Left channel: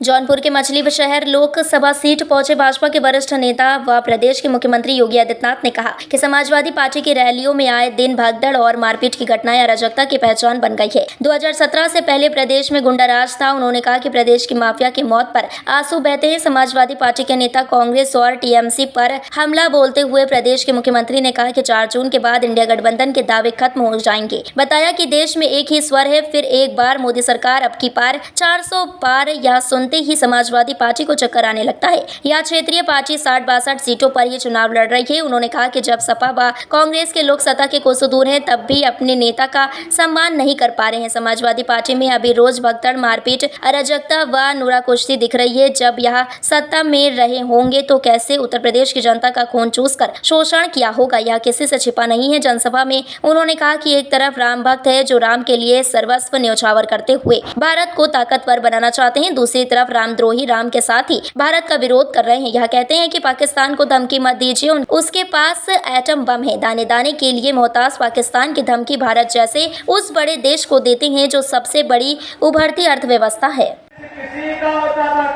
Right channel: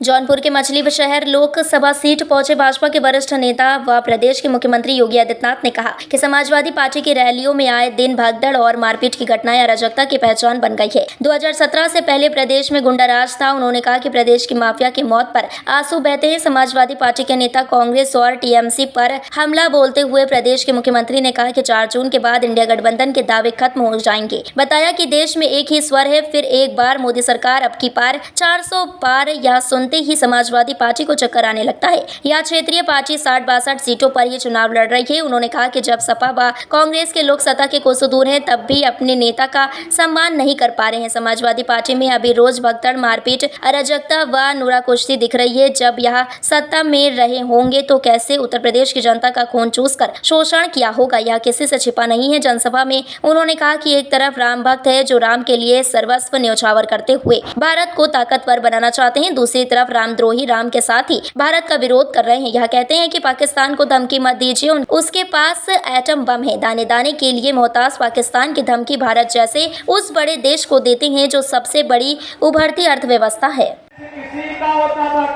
जौनपुर के मछली शहर लोकसभा सीट पहुंचे भाजपा के वरिष्ठ नेता व प्रदेश के मुख्यमंत्री योगी आदित्यनाथ ने कहा कि समाजवादी पार्टी की रैलियों में आए दिन भगदड़ और मारपीट की घटनाएं अराजकता की पहचान बन गई है। 2017 से पहले प्रदेश में गुंडाराज था। उन्होंने कहा कि प्रदेश की माफिया की मौत पर आंसू बहते हैं। समाजवादी पार्टी के नेता कांग्रेस और टीएमसी पर हमला बोलते हुए प्रदेश के मुख्यमंत्री ने कहा कि 4 जून के बाद इंडिया गठबंधन के दावे खत्म हो जाएंगे। बताया कि देश में एक ही स्वर है, फिर एक बार मोदी सरकार अब की पार 400 पार या सुनते ही समाजवादी पार्टी को चक्कर आने लगता है। यह क्षेत्रीय पार्टी 60-62 सीटों पर ये चुनाव लड़ रही है। उन्होंने कहा कि जब सपा व कांग्रेस के लोग सत्ता के कोसों दूर हैं, तब भी अपने नेता का सम्मान नहीं कर पा रहे हैं। समाजवादी पार्टी में अभी रोज भगदड़, मारपीट, अराजकता व नूरा कुश्ती दिख रही है। जब यह सत्ता में रहे होंगे तो कैसे उत्तर प्रदेश की जनता का खून चूसकर शोषण किया होगा, यह किसी से छिपा नहीं है। जनसभा में उन्होंने कहा कि एक तरफ राम भक्त है जो राम के लिए सर्वस्व न्यौछावर करते हुए भारत को ताकतवर बनाना चाहते हैं, दूसरी तरफ रामद्रोही राम के साथ ही भारत का विरोध कर रहे हैं। यह कहते हैं कि पाकिस्तान को धमकी मत दीजिए, उसके पास एटम बम है। दाने दाने के लिए मोहताज पाकिस्तान की धमकी भारत जैसे उस बड़े देश को देते हैं जो सबसे बड़ी उभरती अर्थव्यवस्था है। किसी का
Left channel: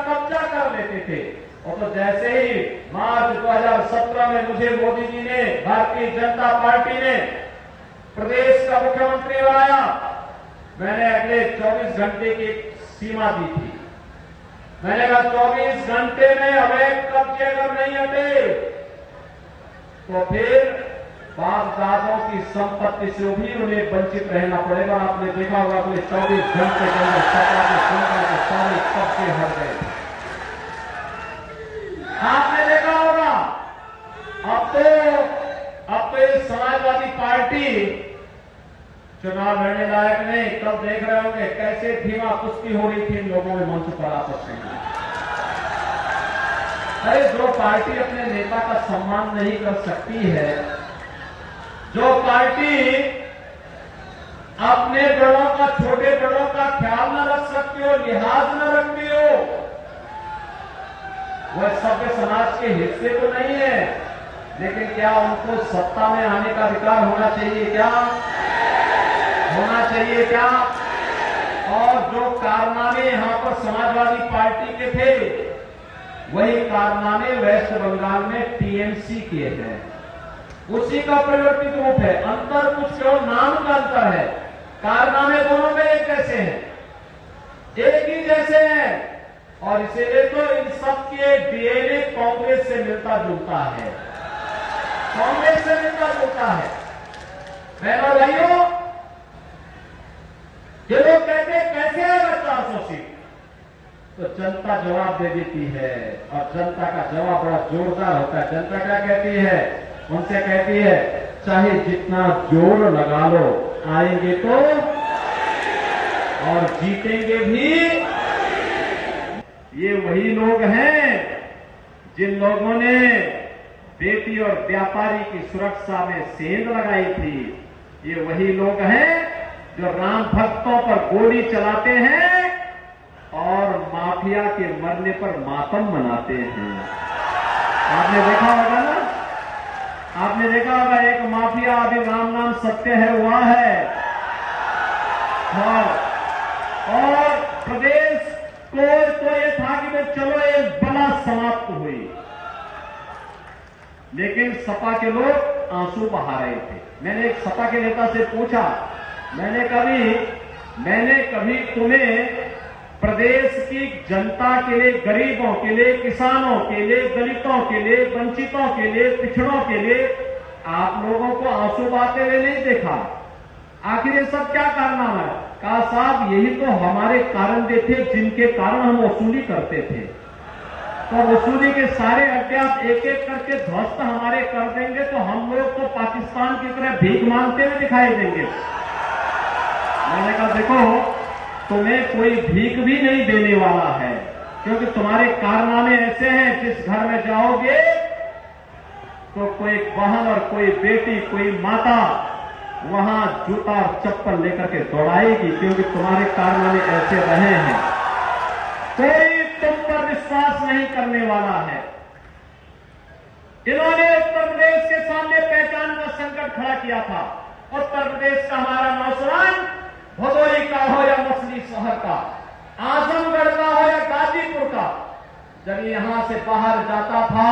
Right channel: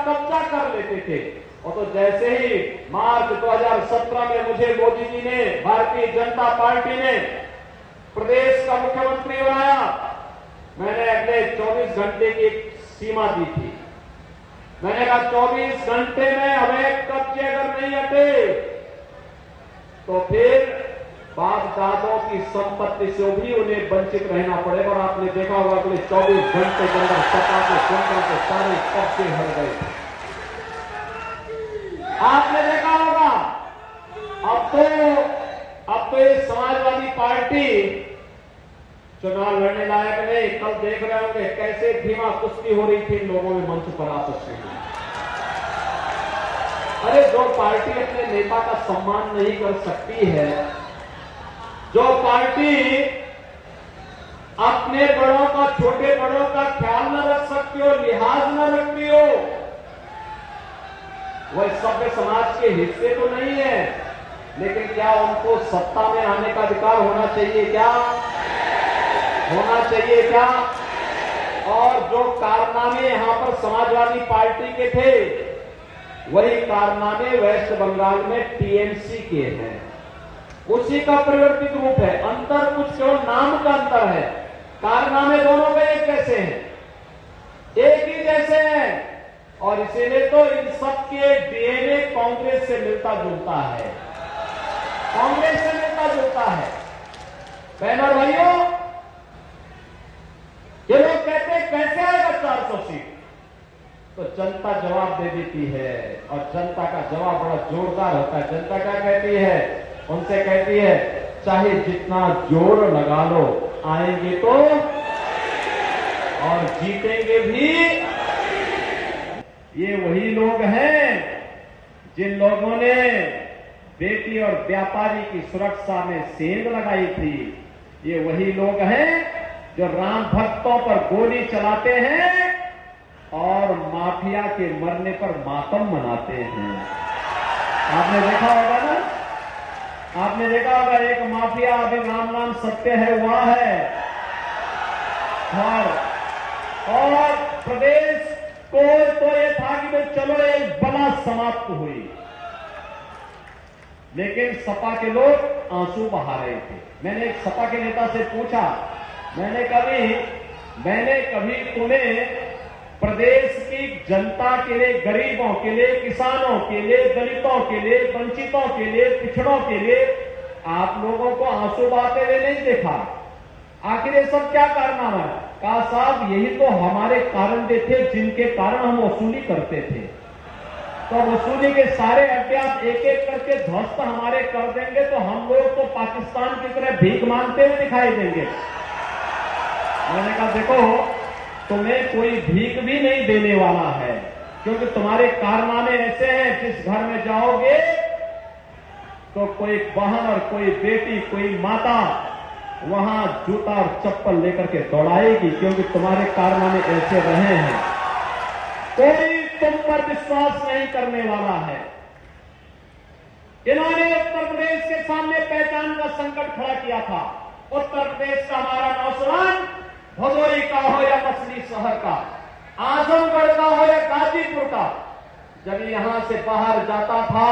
कब्जा कर लेते थे। और तो जैसे ही मार्च 2017 में मुझे मोदी जी ने, भारतीय जनता पार्टी ने प्रदेश का मुख्यमंत्री बनाया, मैंने अगले 24 घंटे की सीमा दी थी। मैंने कहा 24 घंटे में हमें कब्जे अगर नहीं हटे तो फिर बाप दादों की संपत्ति से भी उन्हें वंचित रहना पड़ेगा। और आपने देखा होगा अगले 24 घंटे के अंदर सपा के संख्या के सारे कब्जे हट गए। आपने देखा होगा अब तो ये समाजवादी पार्टी चुनाव लड़ने लायक नहीं। कल देख रहे होंगे कैसे धीमा कुश्ती हो रही थी इन लोगों में मंच पर आपस में। अरे जो पार्टी अपने नेता का सम्मान नहीं कर सकती है, जो पार्टी अपने बड़ों का, छोटे बड़ों का ख्याल न रख सकती हो, लिहाज न रखती हो, वह सभ्य समाज के हिस्से तो नहीं है। लेकिन क्या उनको सत्ता में आने का अधिकार होना चाहिए? क्या होना चाहिए? क्या? और जो कारनामे यहां पर समाजवादी पार्टी के थे, वही कारनामे वेस्ट बंगाल में टीएमसी के हैं। उसी का परिवर्तित रूप है। अंतर कुछ केवल नाम का अंतर है। कारनामे दोनों में एक जैसे हैं, एक ही जैसे हैं। और इसीलिए तो इन सबके डीएनए कांग्रेस से मिलता जुलता है, कांग्रेस से मिलता जुलता है। बहनों भाइयों, ये लोग कहते हैं कैसे आएगा 400 सीट, तो जनता जवाब दे देती है। और जनता का जवाब बड़ा जोरदार होता है। जनता क्या कहती है? उनसे कहती है चाहे जितना जोर लगा लो, आएंगे तो और जीतेंगे भी। ये वही लोग हैं जिन लोगों ने बेटी और व्यापारी की सुरक्षा में सेंध लगाई थी। ये वही लोग हैं जो राम भक्तों पर गोली चलाते हैं और माफिया के मरने पर मातम मनाते हैं। आपने देखा होगा ना, आपने देखा होगा एक माफिया अभी राम नाम सत्य है हुआ है। और प्रदेश को तो ये था कि मैं चलो एक बला समाप्त हुई, लेकिन सपा के लोग आंसू बहा रहे थे। मैंने एक सपा के नेता से पूछा, मैंने कभी तुम्हें प्रदेश की जनता के लिए, गरीबों के लिए, किसानों के लिए, दलितों के लिए, वंचितों के लिए, पिछड़ों के लिए आप लोगों को आंसू बहाते हुए नहीं देखा। आखिर ये सब क्या कारनामा है? कहा साहब यही तो हमारे कारण थे जिनके कारण हम वसूली करते थे। तो वसूली के सारे अड्डे आप एक एक करके ध्वस्त हमारे कर देंगे तो हम लोग तो पाकिस्तान की तरह भीख मांगते हुए दिखाई देंगे। मैंने कहा देखो, तुम्हें कोई भीख भी नहीं देने वाला है, क्योंकि तुम्हारे कारनामे ऐसे हैं जिस घर में जाओगे तो कोई बहन और कोई बेटी, कोई माता वहां जूता और चप्पल लेकर के दौड़ाएगी, क्योंकि तुम्हारे कारनामे ऐसे रहे हैं। कोई तुम पर विश्वास नहीं करने वाला है। इन्होंने उत्तर प्रदेश के सामने पहचान का संकट खड़ा किया था। उत्तर प्रदेश का हमारा नौजवान भदोही का हो या मछली शहर का, आजमगढ़ का हो या गाजीपुर जब यहाँ से बाहर जाता था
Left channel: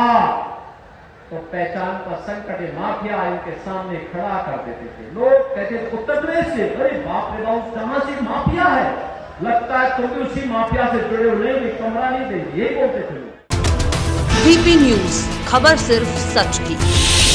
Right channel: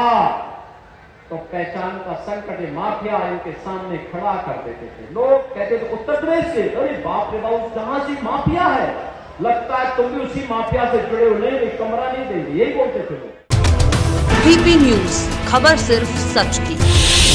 तो पहचान का संकट ये माफिया इनके सामने खड़ा कर देते थे। लोग कहते थे उत्तर प्रदेश से, अरे बाप रे बाप, जहां से माफिया है, लगता है तुम भी उसी माफिया से जुड़े हुए, कमरा नहीं देंगे, यही बोलते थे। वीपी न्यूज, खबर सिर्फ सच की।